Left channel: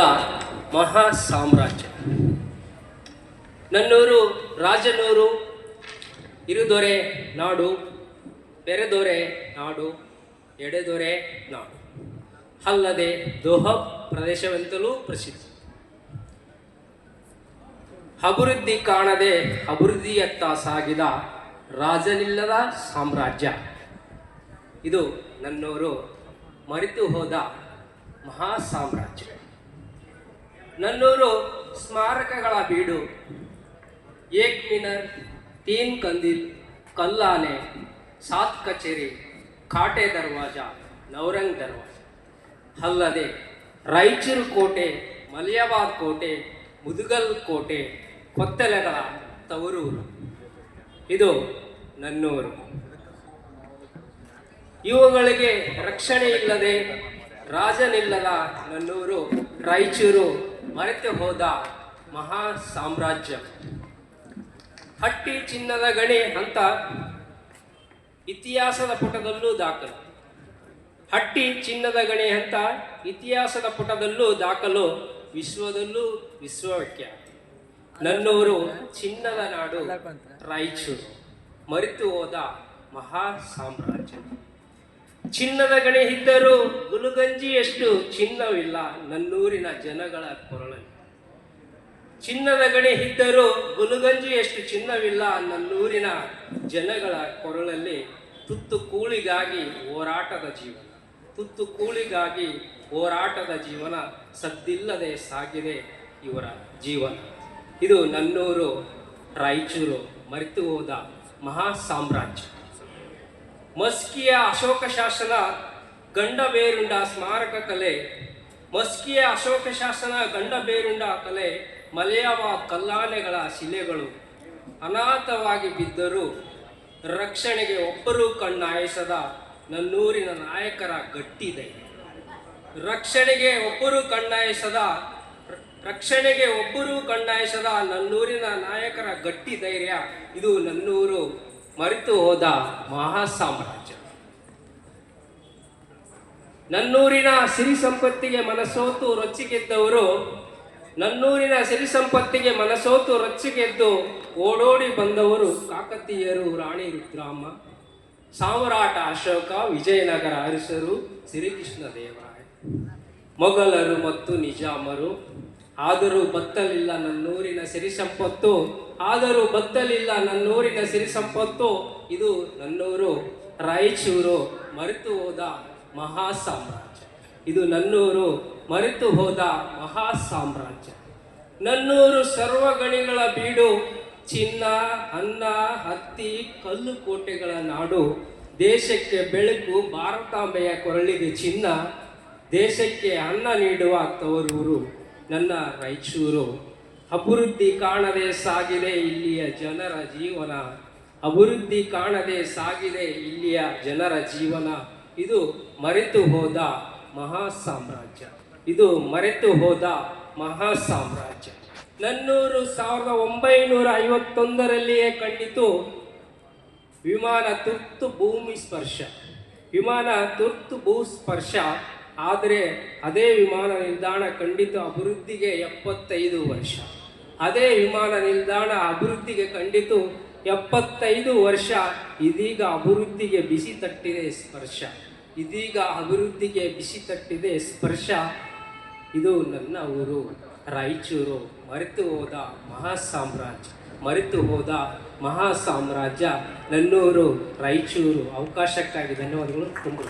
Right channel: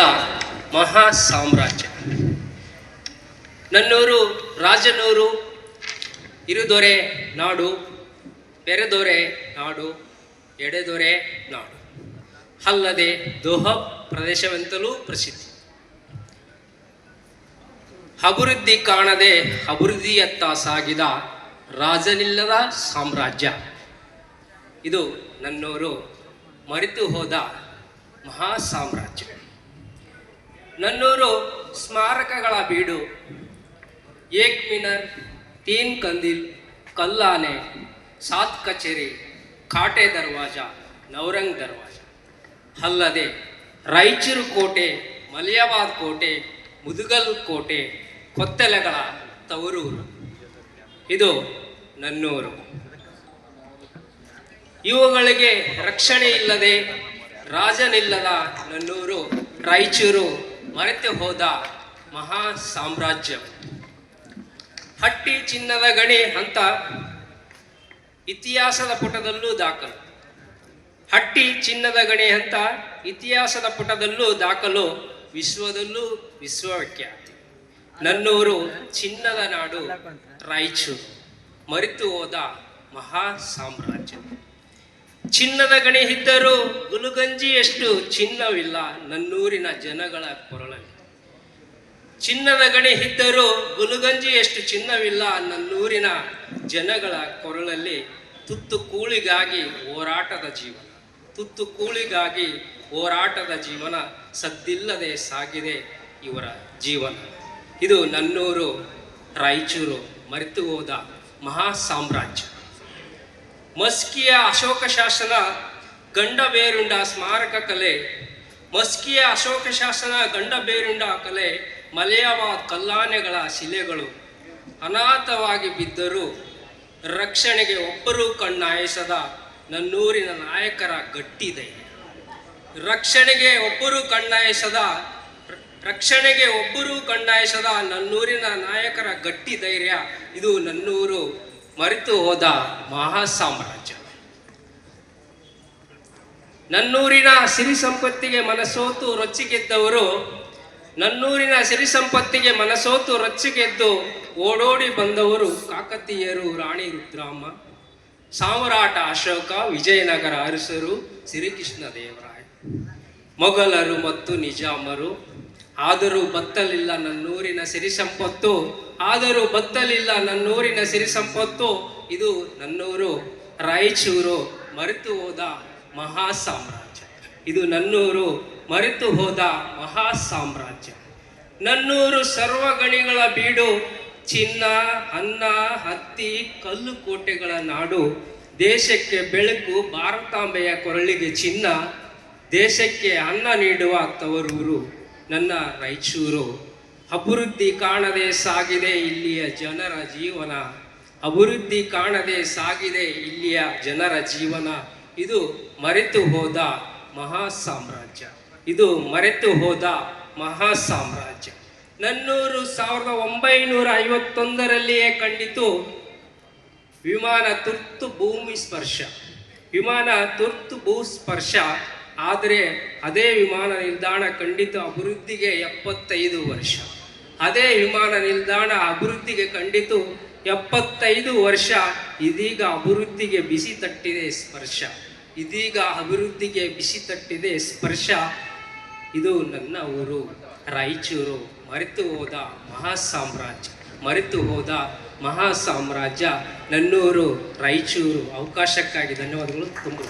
ಹೋದ ಮಹಾ ಸಾಮ್ರಾಜ್ಯ. ನನ್ನೂರು ರಾಜನೂರು, ಇರುದೊರೆ ನಾಡು, ಬೆರೆದೊರೆ ನಾಡು, ಎಡೆದೊರೆ ನಾಡು, ಅಲ್ಲದೆ ದೋಹ ಪ್ರದೇಶವೆಂತಲೂ ಪ್ರಸಿದ್ಧಿ. ಅಭಿವೃದ್ಧಿ ಕಾಣದೆ ಅಭಿವೃದ್ಧಿಯತ್ತ ಸಾಗಿದ ರಾಜನಿಲ್ಲದ ಸಾಮ್ರಾಜ್ಯ. ಇದು ನನ್ನೂರು ಮರೆತು ಹೋದ ಮಹಾ ಸಾಮ್ರಾಜ್ಯ. ನನ್ನೂರು ಸ್ಮಾರಕಗಳ ಬೀಡು. ಏಕ್ ಮಿನರ್, ತೀನ್ ಕಂದಿಲ್, ಕಲ್ಲಾನೆ, ಸಾತ್ ಕಚೇರಿ, ಕಾಟೆ ದರ್ವಾಜ, ನವರಂಗ್ ದರ್ವಾಜ, ಅಲ್ಲದೆ ರಾಯಚೂರು ಕೋಟೆ, ಮಲಿಯಾಬಾದ್ ಕೋಟೆ, ಮುದುಗಲ್ ಕೋಟೆ, ಕೊತ್ತೆಲೆಗಳ ತವರೂರು. ಇದು ನನ್ನೂರು. ಇವುಗಳಿಗೆ ರಕ್ಷಣೆ ಇಲ್ಲದೆ ರಾಜನಿಲ್ಲದ ನನ್ನೂರು ರಾಯಚೂರು ಮರೆತು ಹೋದ ಮಹಾ ಸಾಮ್ರಾಜ್ಯ. ಹಟ್ಟಿ ಚಿನ್ನದ ಗಣಿ ಅಂತ ಇತಿಹಾಸದ ಪುಟದಲ್ಲೂ ದಾಖಲು. ಹಟ್ಟಿ ಚಿನ್ನದ ಗಣಿ ಅಂತ ಇತಿಹಾಸದ ಪುಟದಲ್ಲೂ ದಾಖಲು, ವಿಶ್ವದಲ್ಲೂ ವಿಶ್ವವಿಖ್ಯಾತಿ. ನನ್ನೂರು ಚಿನ್ನದ ನಾಡು ರಾಯಚೂರು ಮರೆತು ಹೋದ ಮಹಾ ಸಾಮ್ರಾಜ್ಯ. ಚಿನ್ನದ ಗಣಿ ಇದ್ದರೂ ಗುಲುಗಂಜಿಯಷ್ಟು ಚಿನ್ನವಿಲ್ಲ ನನ್ನೂರಿನ ಜನಗಳ ಕೊರಳಲ್ಲಿ. ಚಿನ್ನದ ಗಣಿ ಇದ್ದರೂ ಗುಲುಗಂಜಿಯಷ್ಟು ಚಿನ್ನವಿಲ್ಲ ನನ್ನೂರಿನ ಜನಗಳ ಕೊರಳಲ್ಲಿ. ತುತ್ತು ಕೂಳಿಗಾಗಿ ಹೋರಾಟದ ಜೀವನ, ತುತ್ತು ಕೂಳಿಗಾಗಿ ಹೋರಾಟದ ಜೀವನ, ಸದ್ದಿಲ್ಲದೆ ಸಾಗಿದೆ ಇವರ ಜೀವನ. ಇದು ನನ್ನೂರು ರಾಯಚೂರು ಮರೆತು ಹೋದ ಮಹಾ ಸಾಮ್ರಾಜ್ಯ. ಮಸ್ಕಿಯ ಅಶೋಕ ಶಾಸನ ಗಂಡಬೇರುಂಡ ಸ್ಮಾರಕ ಕಲೆ. ಮಸ್ಕಿಯ ಅಶೋಕ ಶಾಸನ ಗಂಡಬೇರುಂಡ ಕಲೆ, ಮಲಿಯಾಬಾದ್ ಕಲ್ಲಾನೆಗಳ ಶಿಲೆಗಳು ಅನಾಥವಾಗಿ ಬಿದ್ದರೂ ರಕ್ಷಣೆಗೆ ಒಬ್ಬರೂ ಕಣ್ಣಾಯಿಸದ ನನ್ನೂರಿನ ನಾಯಕರ ಗಟ್ಟಿ ಧೈರ್ಯ. ರಕ್ಷಣೆಗೆ ಒಬ್ಬರೂ ಕಣ್ಣಾಯಿಸದ ನನ್ನೂರಿನ ನಾಯಕರ ಗಟ್ಟಿ ಧೈರ್ಯ. ಇದು ನನ್ನೂರು ಮರೆತು ಹೋದ ಮಹಾ ಸಾಮ್ರಾಜ್ಯ. ನನ್ನೂರಿನ ಸಿರಿ ಸಂಪತ್ತಿಗೆ ಮನಸೋತು ರೊಚ್ಚಿಗೆದ್ದವರು, ನನ್ನೂರಿನ ಸಿರಿ ಸಂಪತ್ತಿಗೆ ಮನಸೋತು ರೊಚ್ಚಿಗೆದ್ದು ಓಡೋಡಿ ಬಂದವರು ಕಾಕತೀಯರು, ರಾಣಿ ರುದ್ರಮ್ಮ, ಸಾಮ್ರಾಟ ಅಶೋಕ, ವಿಜಯನಗರ ಅರಸರು, ಶ್ರೀಕೃಷ್ಣ ದೇವರಾಯ, ಮೊಘಲರು ಮತ್ತು ನಿಜಾಮರು. ಆದರೂ ಬತ್ತಲಿಲ್ಲ ನನ್ನೂರಿನ ಸಿರಿ ಸಂಪತ್ತು, ಆದರೂ ಬತ್ತಲಿಲ್ಲ ನನ್ನೂರಿನ ಸಿರಿ ಸಂಪತ್ತು. ಇದು ನನ್ನೂರು ರಾಯಚೂರು ಮರೆತು ಹೋದ ಮಹಾ ಸಾಮ್ರಾಜ್ಯ. ಇದು ನನ್ನೂರು ಮರೆತು ಹೋದ ಮಹಾ ಸಾಮ್ರಾಜ್ಯ. ನನ್ನೂರು ಸರ್ವಗಣಿಗಳ ಬೀಡು. ಚಿನ್ನ, ಅನ್ನ, ಹತ್ತಿ, ಕಲ್ಲು ಕೋಟೆಗಳ ನಾಡು. ದೇಶಕ್ಕೆ ಬೆಳಕು, ಭಾರತಾಂಬೆಯ ಕೊರಳಿಗೆ ಚಿನ್ನ, ದೇಶಕ್ಕೆ ಅನ್ನ ನೀಡುವ ತವರೂರು ನನ್ನ ರಾಯಚೂರು. ಅಭಿವೃದ್ಧಿ ಕಾಣದೆ ಸಾಗಿದೆ ಇಲ್ಲಿಯ ಜನರ ಜೀವನ, ಅಭಿವೃದ್ಧಿ ಕಾಣದೆ ಸಾಗಿದೆ ಇಲ್ಲಿಯ ಜನರ ಜೀವನ. ಇದು ಮರೆತು ಹೋದ ಮಹಾ ಸಾಮ್ರಾಜ್ಯ. ಇದು ಮರೆತು ಹೋದ ಮಹಾ ಸಾಮ್ರಾಜ್ಯ. ನನ್ನೂರು 1951ರಲ್ಲಿಯೇ ಕಂಡಿತು ವಿಮಾನ ತುರ್ತು ಭೂಮಿ ಸ್ಪರ್ಶ. ವಿಮಾನ ತುರ್ತು ಭೂಸ್ಪರ್ಶ. ಆದರೆ ಅದೇ ವಿಮಾನ ನಿಲ್ದಾಣ ಕಂಡಿತು ಅಭಿವೃದ್ಧಿಗೆ 75 ವರ್ಷ. ಅದೇ ವಿಮಾನ ನಿಲ್ದಾಣ ಅಭಿವೃದ್ಧಿಗೆ ಕಂಡಿತು 75 ವರ್ಷ. ಇದೀಗ ಅಭಿವೃದ್ಧಿಗೆ ಬಿಸಿ ತಟ್ಟಿದೆ ಸ್ಪರ್ಶ. ಇದೀಗ ಅಭಿವೃದ್ಧಿಗೆ ಬಿಸಿ ತಟ್ಟಿದೆ ಸ್ಪರ್ಶ. ಇದು ನನ್ನ ಊರು ರಾಯಚೂರು ಮರೆತು ಹೋದ ಮಹಾ ಸಾಮ್ರಾಜ್ಯ. ಮರೆತು ಹೋದ ಮಹಾ ಸಾಮ್ರಾಜ್ಯ ನನ್ನೂರು ರಾಯಚೂರು. ಅವಕಾಶಕ್ಕಾಗಿ ಧನ್ಯವಾದಗಳು. ತುಂಬ